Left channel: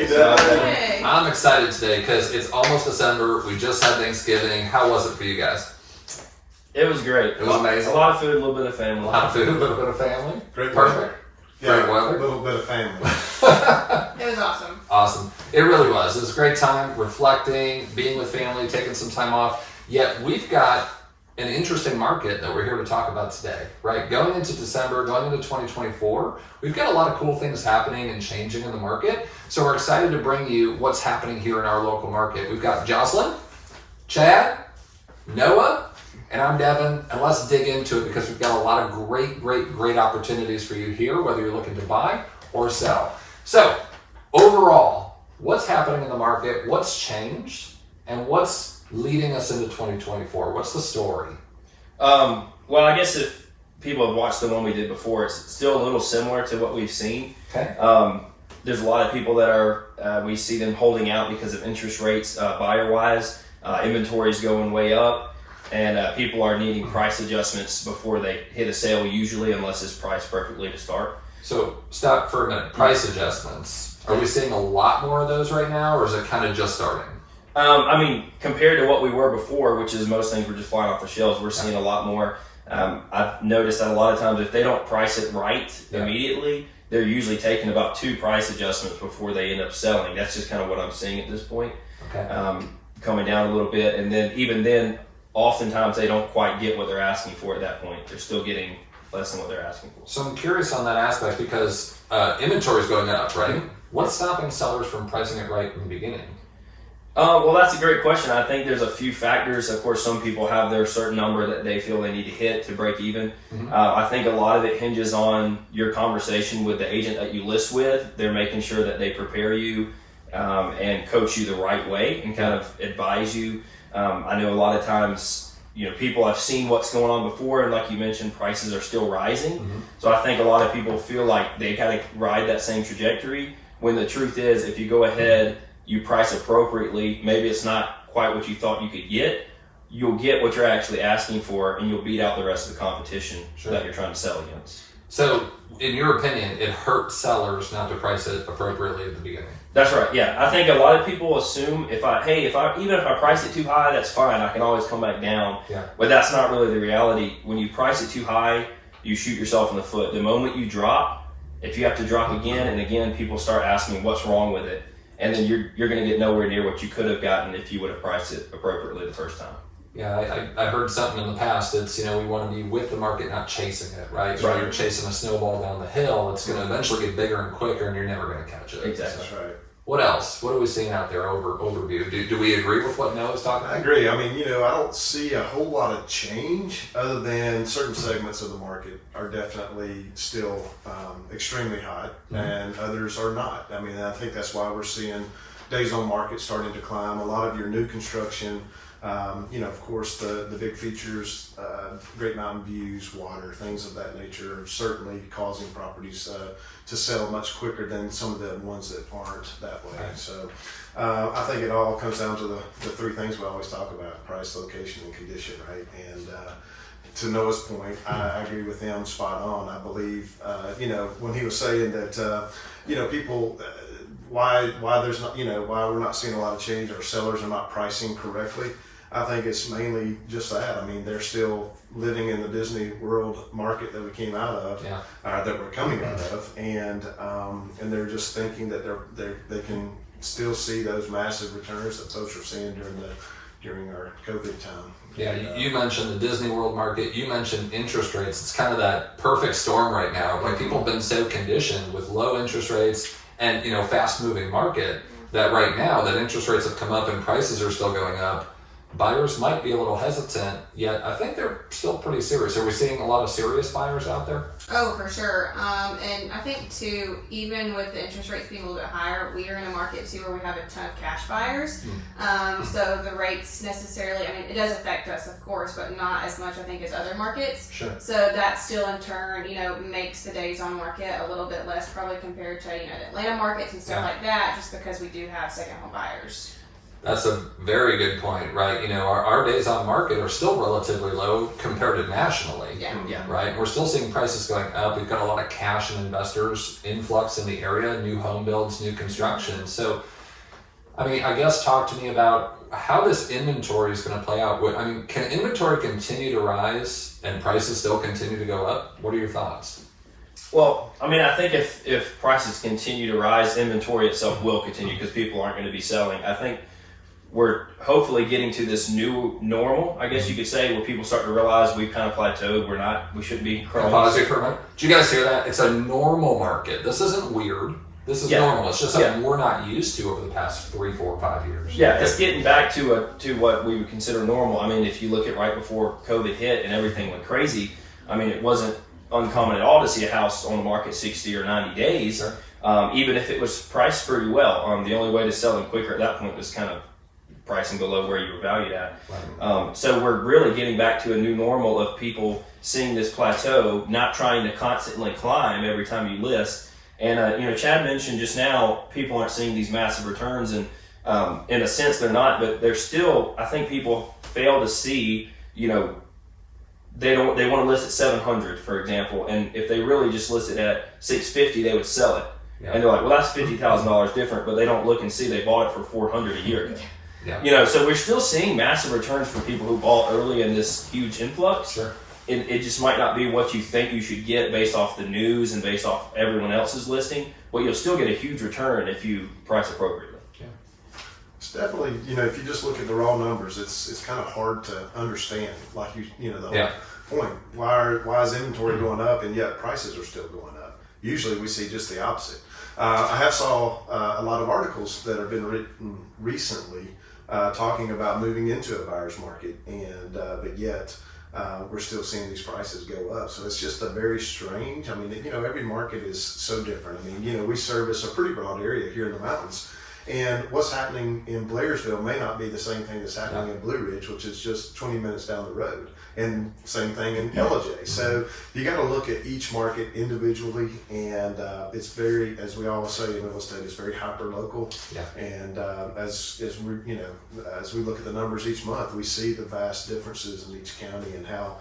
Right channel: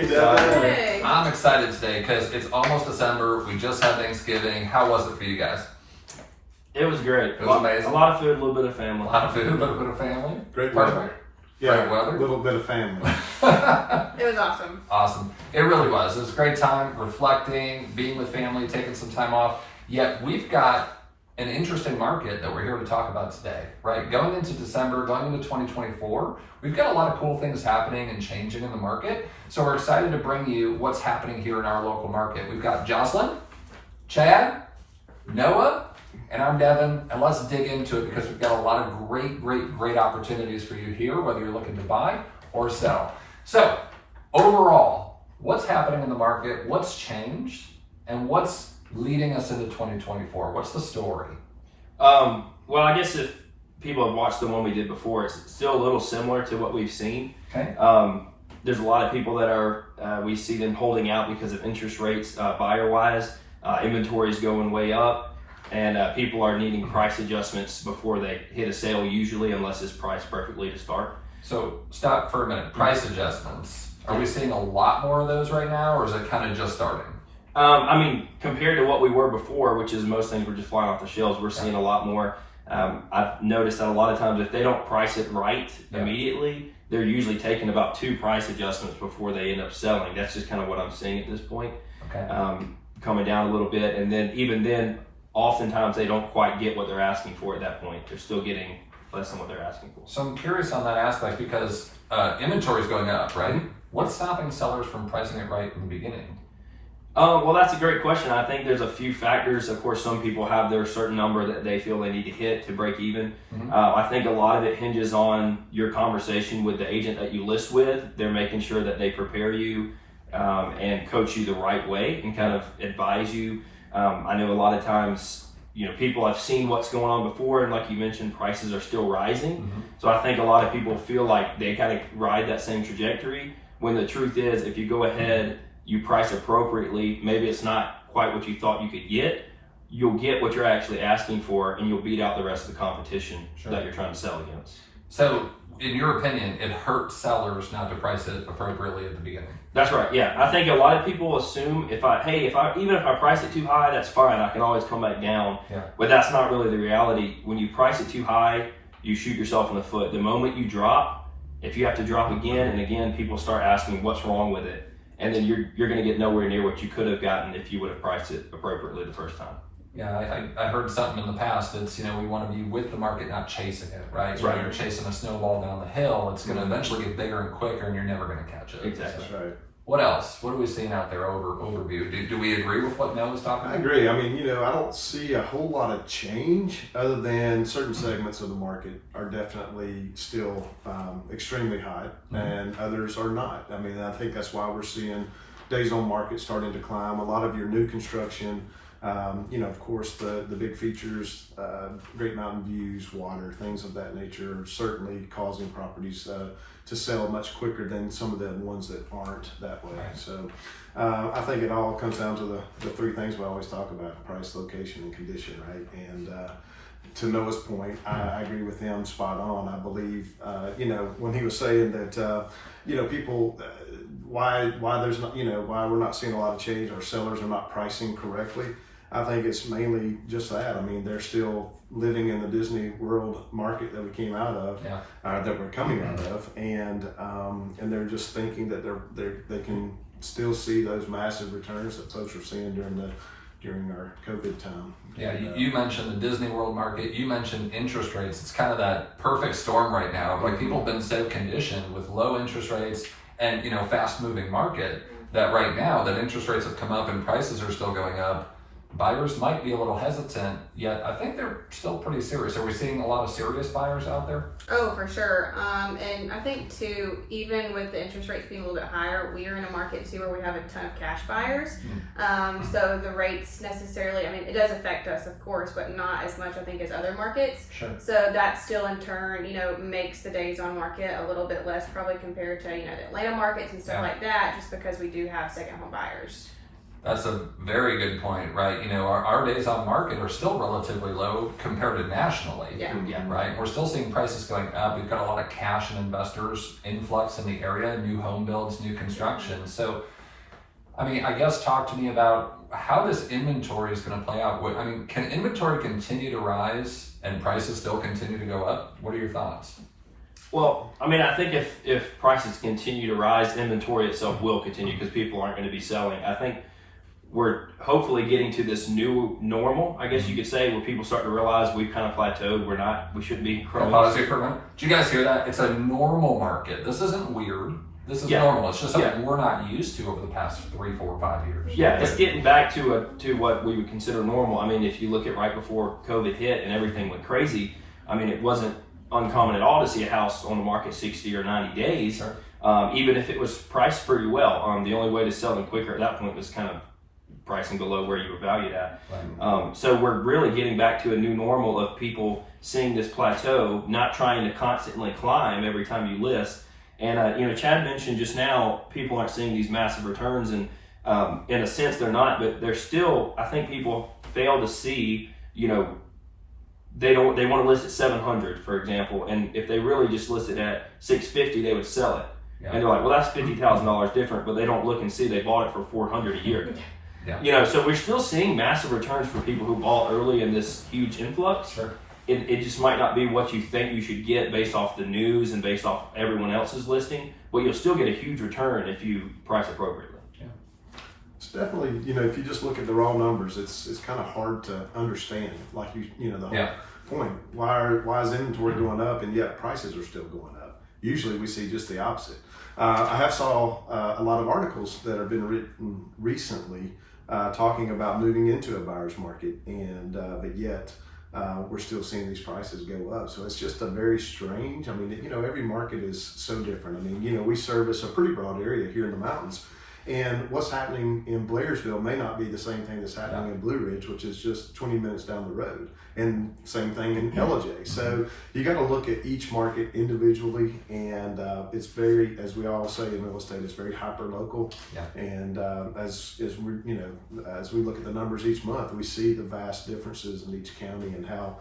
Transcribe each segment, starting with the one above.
Hey, Doug. Hey. I'm excited today because it's almost December. We just had Thanksgiving. How was it for you guys? It was great. It was amazing. A lot of food, a little bit of family. A lot of food, a little bit of family. Great Perfect. weather. Yeah, Great weather. a little bit of family. It was awesome. Awesome. It really was. It was a great time reflecting, being with family, taking some time off. Yet we've got an interesting market that we're here to talk about today, right? Going into December, going into 2024, we've got a lot of cool things happening and changing in the market. So we're excited to bring you what's happening here in our local market. We've got Jocelyn, Chad, Noah, and I'm Devin, and let's dig into it because we've got a lot of great opportunities for you here, whether you're looking to buy or sell. So overall, what's happening in the market, what's changed, and what's leading us into 2024? What's the story? Well, I guess if people have watched the one we did before, it's still a little similar to what we've seen. Okay. There's a lot of people that are, we see them holding out because of interest rates, buyer-wise, inventory's going way up, and people are needing price adjustments before they hit a sale usually, unless it's priced perfectly to start. So stop for a minute. Price adjustments. Are we seeing a lot more of those right now, or is it kind of just starting? I mean, compared to what we were before, which is most things were just flying off the shelves, we're seeing a lot more. I've noticed that a lot of times if they don't price it right immediately, they're usually taking about 2 price adjustments before they end up selling. That's just kind of what I'm seeing at this point. Okay. Coming down a little bit, and then even then, oftentimes they don't quite get what they're asking for at that point. They're still getting less than what they're asking for. So I'm curious on that aspect because inventory is going up, right? What's stopping sellers from pricing it right in the beginning? Well, that's a great question. I think there's a few factors. Of course, some people have their certain number that they feel they need to hit to break even. Mm-hmm. I think a lot of it hinges on your conversation with the agent that you list with. They're making sure that they prepare you and coach you the right way and kind of advise you. I know a lot of times, people have seen what's going on before, and like you mentioned, prices are still rising. Mm-hmm. So I think a lot of people feel like they kind of ride that same trajectory, when the truth is, if you go ahead, you price appropriately, maybe it's not quite what you thought you could get, you'll get what you're actually asking for, and you'll beat out the rest of the competition that you're trying to sell against. So, in your opinion, it hurts sellers not to price it appropriately at the beginning. That's right. Yeah, I think a lot of people assume even if I price it too high, that's fine. I can always come back down. Yeah. But that's not really the reality. When you price it too high, you shoot yourself in the foot. The moment you drop, if you have to drop again and again, people start asking what's wrong with it, and then you're going to get nowhere near what you could have gotten if you would have priced it appropriately the first time. Yeah, I heard something in the past. It's, we want to be with the market, not chasing it, right? When you're chasing a snowball down the hill, it's going to eventually get bigger and quicker, and you're never going to catch it. Exactly. That's right. What else? What are we seeing out there overview? Do we agree with what Noah's talking I about? agree. I mean, I don't see a whole lot of change other than certain segments of the market are definitely still extremely hot, and others are not. I mean, I think that's why we're seeing days on market starting to climb. A lot of your new construction, of course, the big features, great mountain views, water, things of that nature are certainly causing properties to sell much quicker than some of the ones that aren't that way. Right. So I think it all comes down to the 3 things we always talk about: price, location, and condition, right? And to Noah's point, I agree with him spot on. I believe, when he was saying that, people, why there's not, why we're not seeing a lot of change, or sellers are not pricing correctly. I think it's mainly just that. I mean, they're still living in the Disney World market that we came out of, that we're coming out of, and they're just thinking that they can still see those massive returns that folks are seeing during our COVID time. Yeah, you mentioned the Disney World market. You mentioned interest rates. It's kind of that perfect storm right now. Like, people have been so conditioned with low interest rates and fast-moving market that right now that interest rates have come up and prices are still going up. Buyers might be a little hesitant, yet I think they're still pretty serious. Are we seeing a lot of serious buyers out there? Oh, for sure. And I think too, even with the interest rates being a little bit higher, we are in a market too where we have a ton of cash buyers. So the rates necessarily, it does affect us, of course, but not as much, I think, as other markets. Sure. So that still in turn, makes the days on market a little bit less probably compared to, the Atlanta markets and stuff like that, just because we do have second home buyers. That's a very good point, right? You know, our days on market are still relatively low compared to nationally, Yeah. right? We're still seeing prices going up. We've got a lot of cash and investors influx in the area, new home builds, new construction. So, I mean, I guess talk to me about how this inventory is going to play out. I mean, can inventory continue to rise and prices still continue to go up? What are your thoughts? Well, I mean, I think if prices continue to rise, inventory itself will continue because people aren't going to be selling. I think we're hopefully getting to this new normal, I guess you could say, where people start to realize we've kind of plateaued. We shouldn't be growing. Pause here for a minute. Did you guys hear that? It's a normal market. This isn't weird. This is normal. It's just something we're not used to over the past 3, 4, 5 years. Yeah, it's getting back to what we would consider normal. I mean, if you look at right before COVID hit and everything went crazy, I mean, it wasn't uncommon at all to see a house on the market 60 or 90 days, Sure. Even if it was priced pretty well. The only way to sell them quicker at that point was kind of pricing below where you were valued at. Right. So we're really getting back to a new normal of people seeing this plateau, not trying to constantly climb every time you list. And, you know, Chad mentioned just now, people aren't seeing these massive returns, and in a sense they're not, but they're still, I think people fail to see, you know, they want to list at 700, for example, and if they really just list it at 650, they would sell it. Yeah. And they're like, well, that's $50,000 different, but they don't look and see they bought it for 400 a year ago. Yeah. You know, so we're still seeing massive returns for people who bought early in this huge influx. Sure. It just might not be what you think you should get based off the news and based off everyone else's listing, but you'll still get a huge return if you price appropriately. It's definitely, you know, if you just look at the raw numbers, it's kind of hard to understand. Like you know, the whole point. Why is inventory going up and yet prices are still going up? Usually we see just the opposite. I have saw a lot of articles that have been written recently talking about moving into a buyer's market, and but yet we're still seeing these prices go up. So it's just a very strange. I mean, you know, every market is so different. I mean, you know, we service a pretty broad area here in the mountains. And what's happening in Blairsville may not be the same thing that's happening in Blue Ridge, which is just 20 minutes down the road. And same thing in LJ. So you got to look at each market individually, and it's very, as we always say in real estate, it's very hyper local. Yeah. And as we, you know, as we look at the numbers each month, we see the vast differences in each county and how,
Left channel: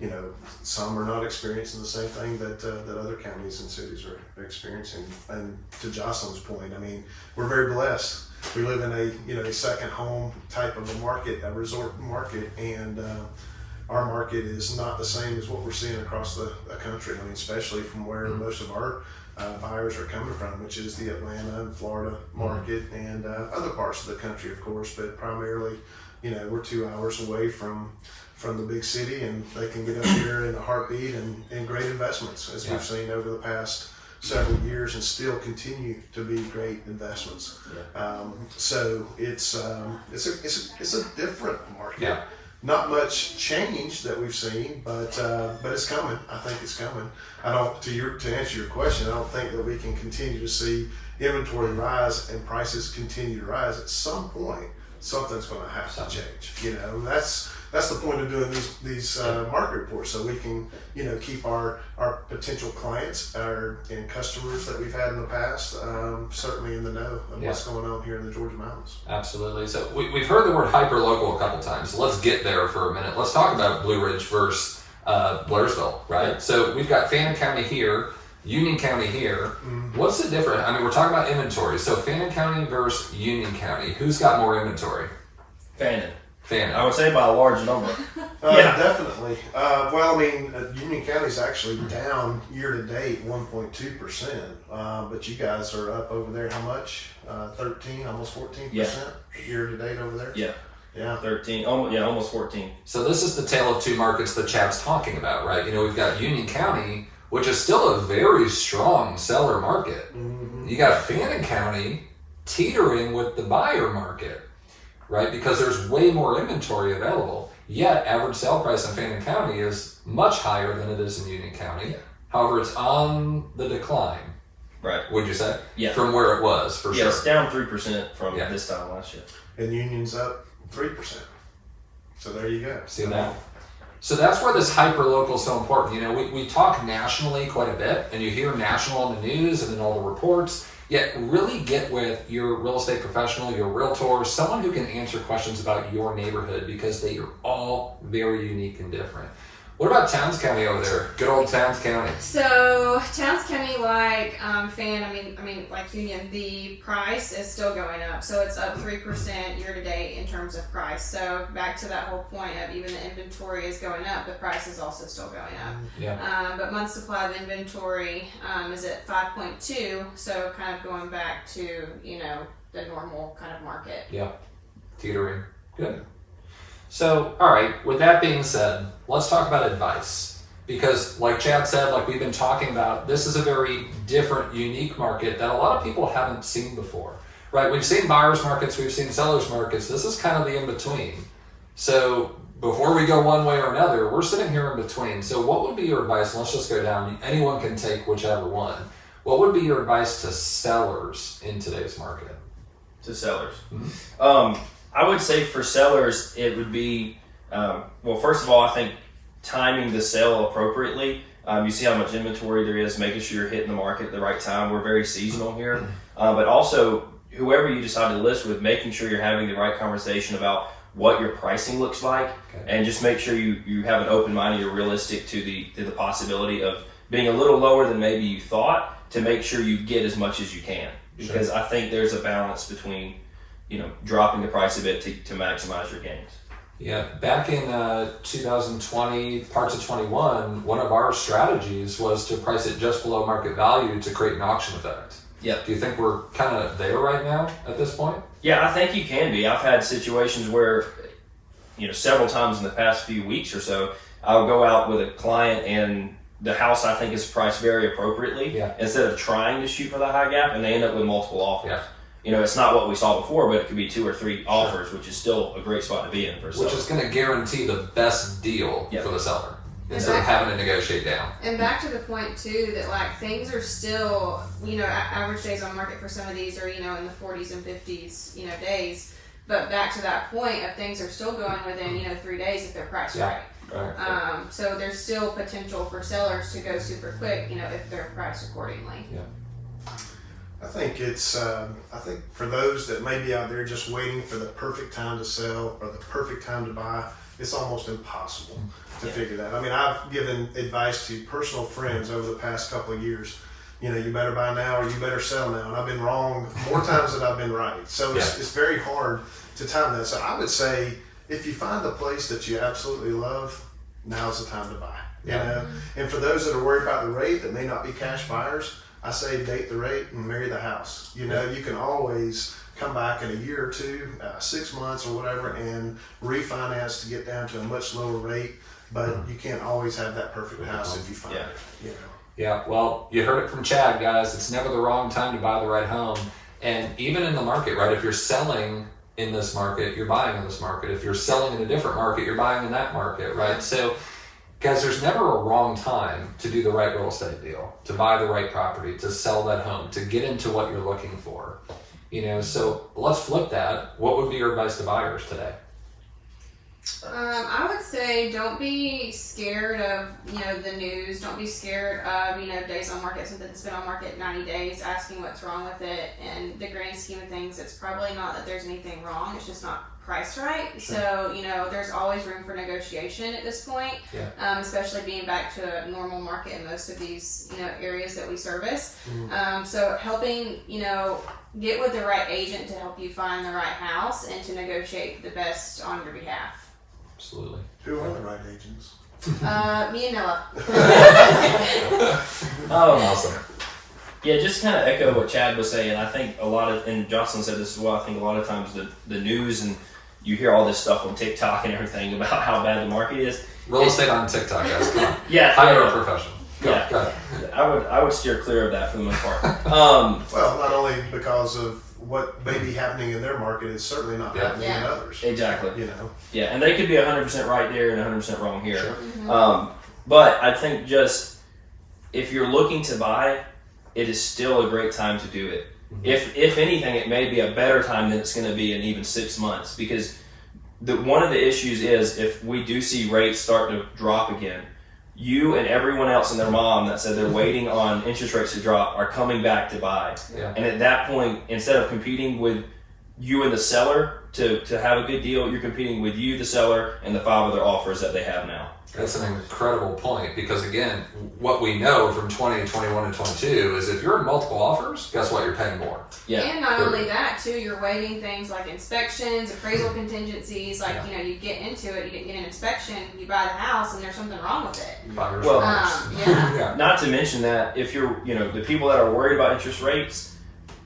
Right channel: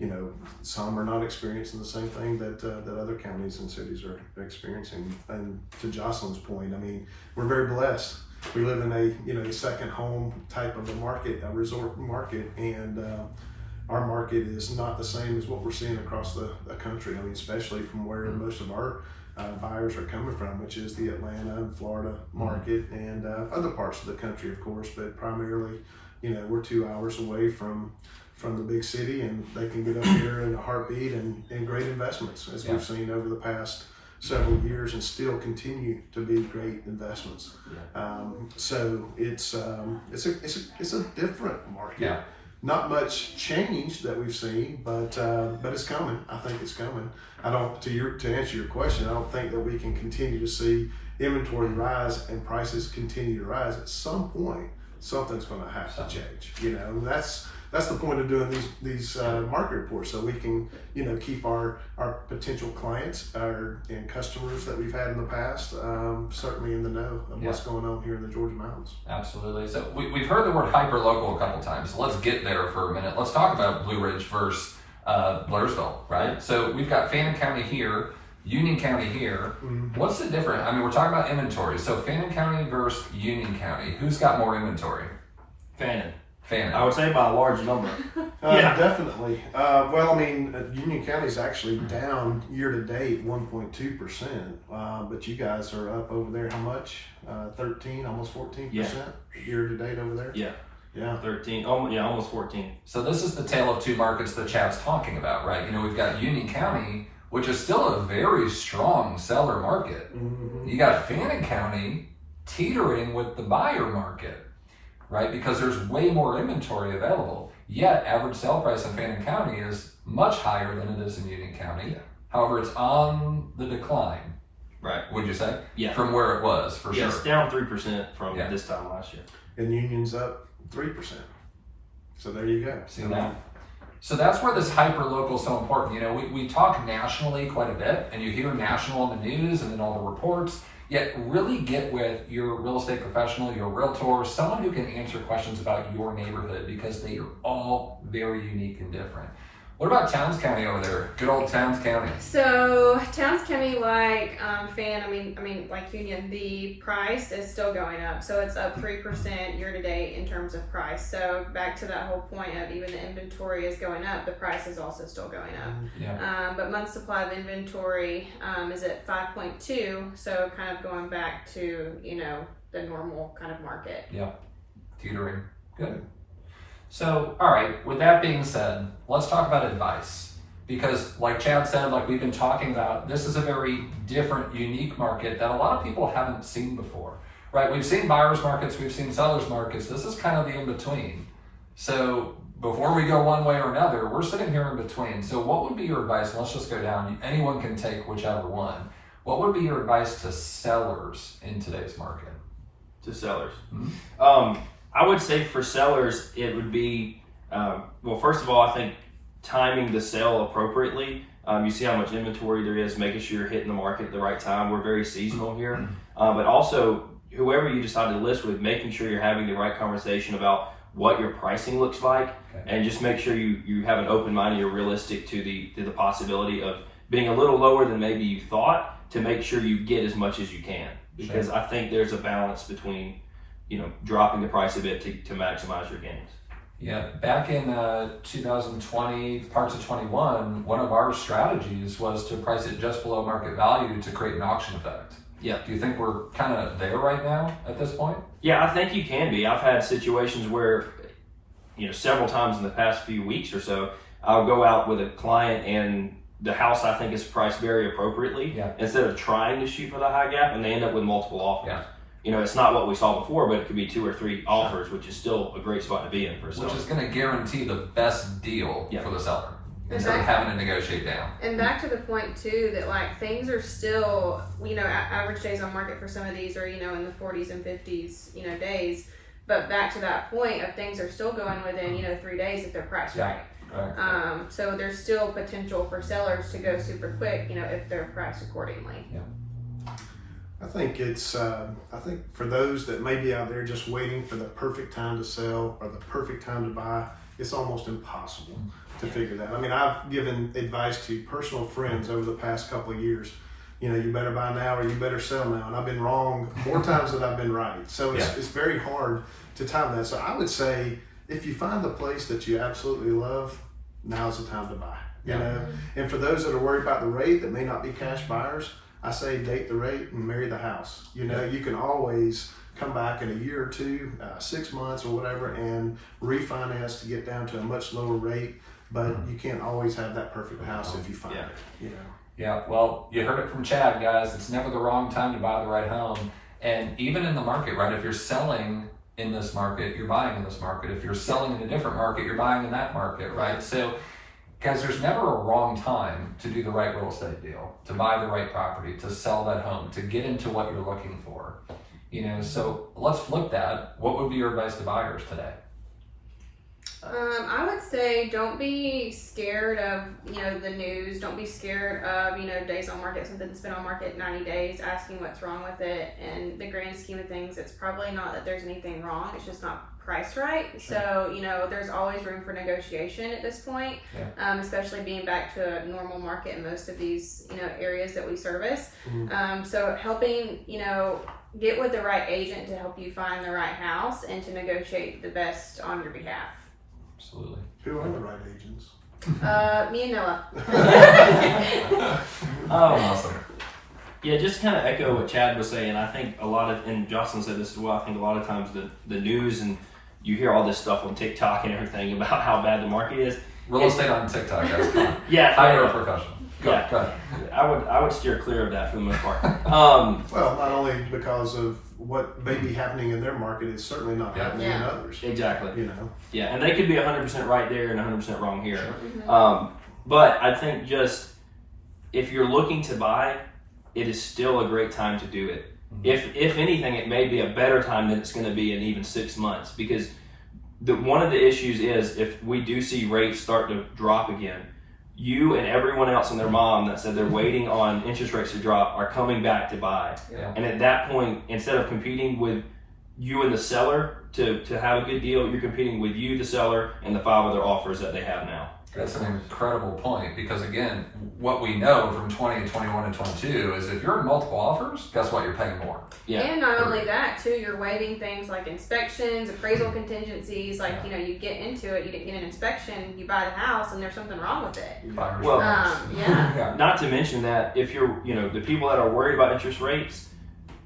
you know, some are not experiencing the same thing that other counties and cities are experiencing. And to Jocelyn's point, I mean, we're very blessed. We live in a second home type of a market, a resort market, and our market is not the same as what we're seeing across the country. I mean, especially from where most of our buyers are coming from, which is the Atlanta and Florida market, and other parts of the country, of course, but primarily, you know, we're 2 hours away from the big city, and they can get up here in a heartbeat and great investments, as we've seen over the past several years, and still continue to be great investments. So it's a different market. Yeah. Not much change that we've seen, but it's coming. I think it's coming. To answer your question, I don't think that we can continue to see inventory rise and prices continue to rise. At some point, something's going to have to change. You know, that's the point of doing these market reports, so we can, you know, keep our potential clients and customers that we've had in the past certainly in the know of what's going on here in the Georgia mountains. Absolutely. So we've heard the word hyper-local a couple times. So let's get there for a minute. Let's talk about Blue Ridge versus Blairsville, right? So we've got Fannin County here, Union County here. What's the difference? I mean, we're talking about inventory. So Fannin County versus Union County. Who's got more inventory? Fannin. I would say by a large number. Definitely. Well, I mean, Union County's actually down year to date 1.2%, but you guys are up over there. How much? 13, almost 14% year to date over there. Yeah. 13. Almost 14. So this is the tale of two markets that Chad's talking about, right? You know, we've got Union County, which is still a very strong seller market. You got Fannin County teetering with the buyer market, right? Because there's way more inventory available. Yet average sale price in Fannin County is much higher than it is in Union County. However, it's on the decline. Right. Would you say? Yeah. From where it was, for sure. It's down 3% from this time last year. And Union's up 3%. So there you go. See that? So that's where this hyper-local is so important. You know, we talk nationally quite a bit, and you hear national in the news and in all the reports. Yet really get with your real estate professional, your realtor, someone who can answer questions about your neighborhood, because they are all very unique and different. What about Towns County over there? Good old Towns County. So Towns County, like Fannin, I mean, like Union, the price is still going up. So it's up 3% year to date in terms of price. So back to that whole point of even the inventory is going up, the price is also still going up. Yeah. But month supply of inventory is at 5.2. So kind of going back to the normal kind of market. Yeah. Teetering. Good. So, all right, with that being said, let's talk about advice. Because like Chad said, like we've been talking about, this is a very different, unique market that a lot of people haven't seen before, right? We've seen buyers markets, we've seen sellers markets. This is kind of the in-between. So before we go one way or another, we're sitting here in between. So what would be your advice? And let's just go down. Anyone can take whichever one. What would be your advice to sellers in today's market? To sellers. Mm-hmm. I would say for sellers, it would be, well, first of all, I think timing the sale appropriately. You see how much inventory there is, making sure you're hitting the market at the right time. We're very seasonal here. But also, whoever you decide to list with, making sure you're having the right conversation about what your pricing looks like, and just make sure you have an open mind and you're realistic to the possibility of being a little lower than maybe you thought, to make sure you get as much as you can. Because I think there's a balance between dropping the price a bit to maximize your gains. Yeah, back in 2020, parts of 21, one of our strategies was to price it just below market value to create an auction effect. Yeah. Do you think we're kind of there right now at this point? Yeah, I think you can be. I've had situations where, several times in the past few weeks or so, I'll go out with a client and the house I think is priced very appropriately, instead of trying to shoot for the high gap, and they end up with multiple offers. Yeah. It's not what we saw before, but it could be 2 or 3 offers, which is still a great spot to be in for a seller. Which is going to guarantee the best deal for the seller, instead of having to negotiate down. And back to the point too, that like things are still, average days on market for some of these are, in the 40s and 50s, days. But back to that point of things are still going within, 3 days if they're priced right. Right. So there's still potential for sellers to go super quick, if they're priced accordingly. Yeah. I think I think for those that may be out there just waiting for the perfect time to sell or the perfect time to buy, it's almost impossible to figure that. I mean, I've given advice to personal friends over the past couple of years. You better buy now or you better sell now. And I've been wrong more times than I've been right. So it's very hard to time that. So I would say if you find a place that you absolutely love, now's the time to buy. You know? And for those that are worried about the rate that may not be cash buyers, I say date the rate and marry the house. You can always come back in a year or two, 6 months or whatever, and refinance to get down to a much lower rate. But you can't always have that perfect house if you find it. Yeah, well, you heard it from Chad, guys. It's never the wrong time to buy the right home. And even in the market, right? If you're selling in this market, you're buying in this market. If you're selling in a different market, you're buying in that market, right? So, guys, there's never a wrong time to do the right real estate deal, to buy the right property, to sell that home, to get into what you're looking for. So let's flip that. What would be your advice to buyers today? I would say don't be scared of, the news. Don't be scared of, days on market, something that's been on market 90 days, asking what's wrong with it. And the grand scheme of things, it's probably not that there's anything wrong. It's just not priced right. So, there's always room for negotiation at this point, especially being back to a normal market in most of these, areas that we service. So helping, get with the right agent to help you find the right house and to negotiate the best on your behalf. Absolutely. Who are the right agents? Me and Noah. Awesome. Yeah, just kind of echo what Chad was saying. I think and Jocelyn said this as well, I think a lot of times the news, and you hear all this stuff on TikTok and everything about how bad the market is. Real estate on TikTok, guys. Come on. Yeah. Professional. Go ahead. I would steer clear of that for the most part. Well, not only because of what may be happening in their market, it's certainly not happening in others. Exactly. Yeah, and they could be 100% right there and 100% wrong here. Sure. But I think just if you're looking to buy, it is still a great time to do it. If anything, it may be a better time than it's going to be in even 6 months, because one of the issues is if we do see rates start to drop again, you and everyone else and their mom that said they're waiting on interest rates to drop are coming back to buy. Yeah. And at that point, instead of competing with you and the seller to have a good deal, you're competing with you, the seller, and the 5 other offers that they have now. That's an incredible point, because again, what we know from 20, 21, and 22 is if you're in multiple offers, guess what? You're paying more. Yeah. And not only that, too, you're waiving things like inspections, appraisal contingencies. Like, Yeah. you know, you get into it, you get an inspection, you buy the house, and there's something wrong with it. Buyer's Well, remorse. Yeah. Yeah. Not to mention that if you're, the people that are worried about interest rates,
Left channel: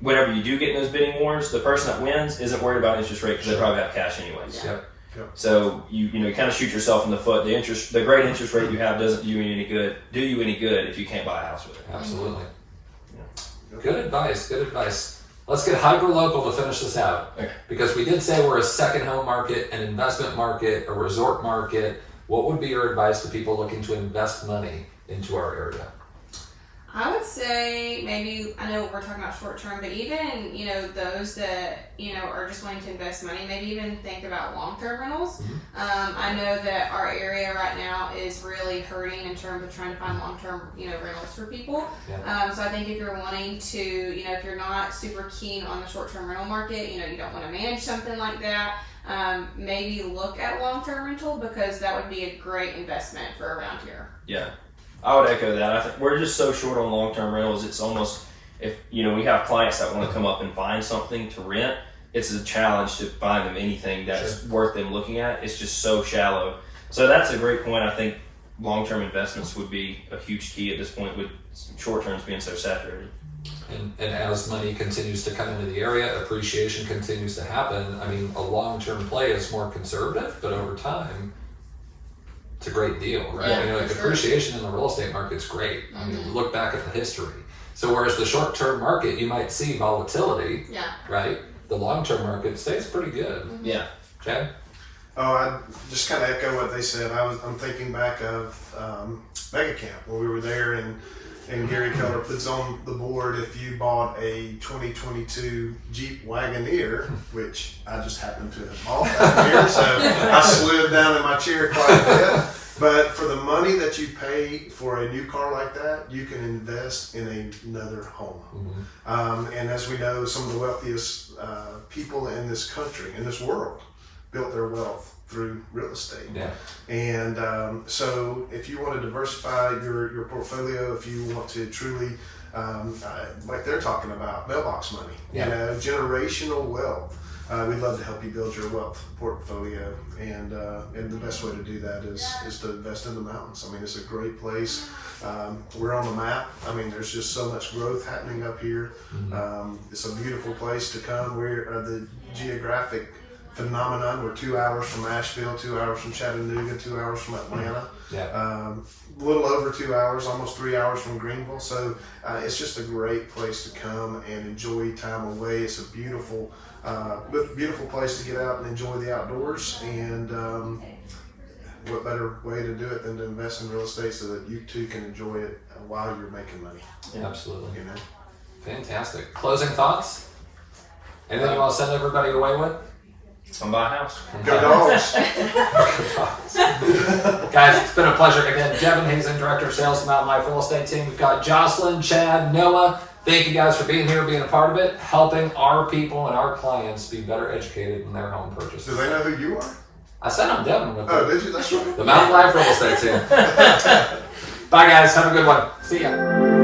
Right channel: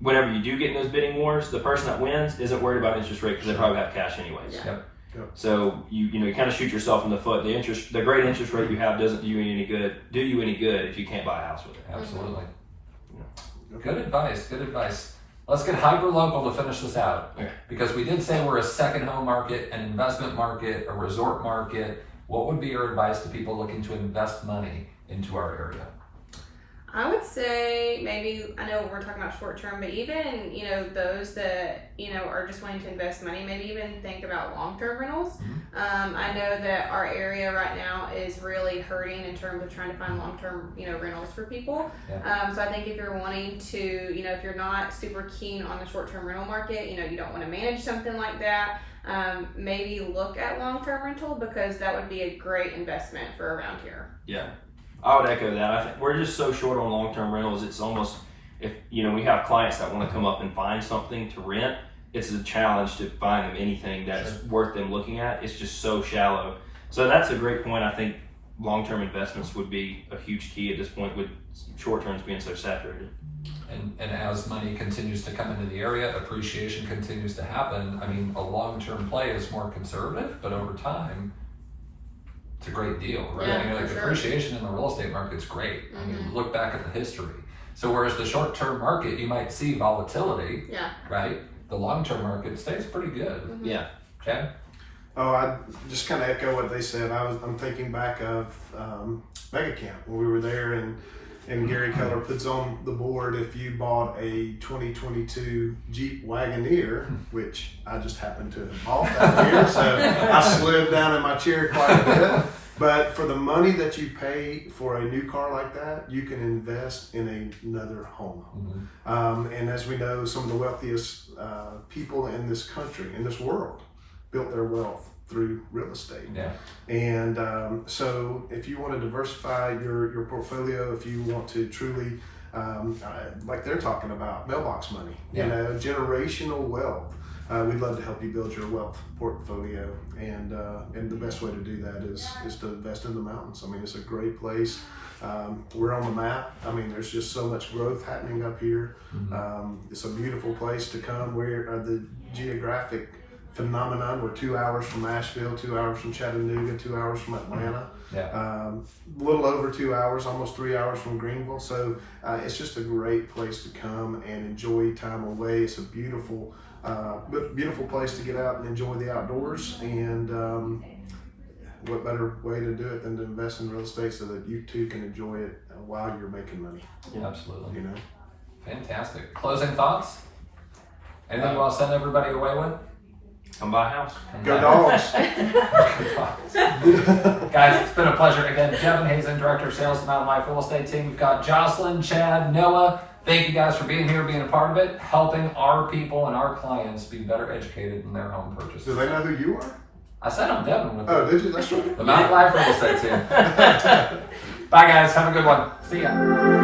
whenever you do get in those bidding wars, the person that wins isn't worried about interest rate because they probably have cash anyways. Yeah. Yep. So you kind of shoot yourself in the foot. The great interest rate you have doesn't do you any good if you can't buy a house with it. Absolutely. Good advice. Good advice. Let's get hyper local to finish this out, Okay. because we did say we're a second home market, an investment market, a resort market. What would be your advice to people looking to invest money into our area? I would say maybe, I know we're talking about short term, but even, those that, are just wanting to invest money, maybe even think about long term rentals. I know that our area right now is really hurting in terms of trying to find long term, rentals for people. Yeah. So I think if you're wanting to, if you're not super keen on the short term rental market, you don't want to manage something like that, maybe look at long term rental, because that would be a great investment for around here. Yeah. I would echo that. I think we're just so short on long-term rentals. It's almost, if we have clients that want to come up and find something to rent, it's a challenge to find them anything that's worth them looking at. It's just so shallow. So that's a great point. I think long-term investments would be a huge key at this point, with short-terms being so saturated. And as money continues to come into the area, appreciation continues to happen. I mean, a long-term play is more conservative, but over time, it's a great deal, right? Yeah, for sure. Depreciation in the real estate market's great. I mean, look back at the history. So whereas the short-term market, you might see volatility, Yeah. right? The long-term market stays pretty good. Yeah. Chad? Oh, I just kind of echo what they said. I'm thinking back of Mega Camp when we were there, and Gary Keller puts on the board, if you bought a 2022 Jeep Wagoneer, which I just happened to have bought that year, so I slid down in my chair quite a bit. But for the money that you pay for a new car like that, you can invest in another home. And as we know, some of the wealthiest people in this country, in this world, built their wealth through real estate. Yeah. And so if you want to diversify your portfolio, if you want to truly, like they're talking about, mailbox money, generational wealth, we'd love to help you build your wealth portfolio. And the best way to do that is to invest in the mountains. I mean, it's a great place. We're on the map. I mean, there's just so much growth happening up here. It's a beautiful place to come. We're the geographic phenomenon. We're 2 hours from Asheville, 2 hours from Chattanooga, 2 hours from Atlanta. Yeah. A little over 2 hours, almost 3 hours from Greenville. So it's just a great place to come and enjoy time away. It's a beautiful place to get out and enjoy the outdoors. And what better way to do it than to invest in real estate so that you too can enjoy it while you're making money. Absolutely. Fantastic. Closing thoughts? Anything you want to send everybody away with? Come buy a house. Go Dogs! Guys, it's been a pleasure. Again, Devin Hazen, Director of Sales, Mountain Life Real Estate Team. We've got Jocelyn, Chad, Noah. Thank you guys for being here, being a part of it, helping our people and our clients be better educated in their home purchase. Do they know who you are? I said I'm Devin with Oh, did you? That's right. the Mountain Life Real Estate Team. Bye, guys. Have a good one. See ya.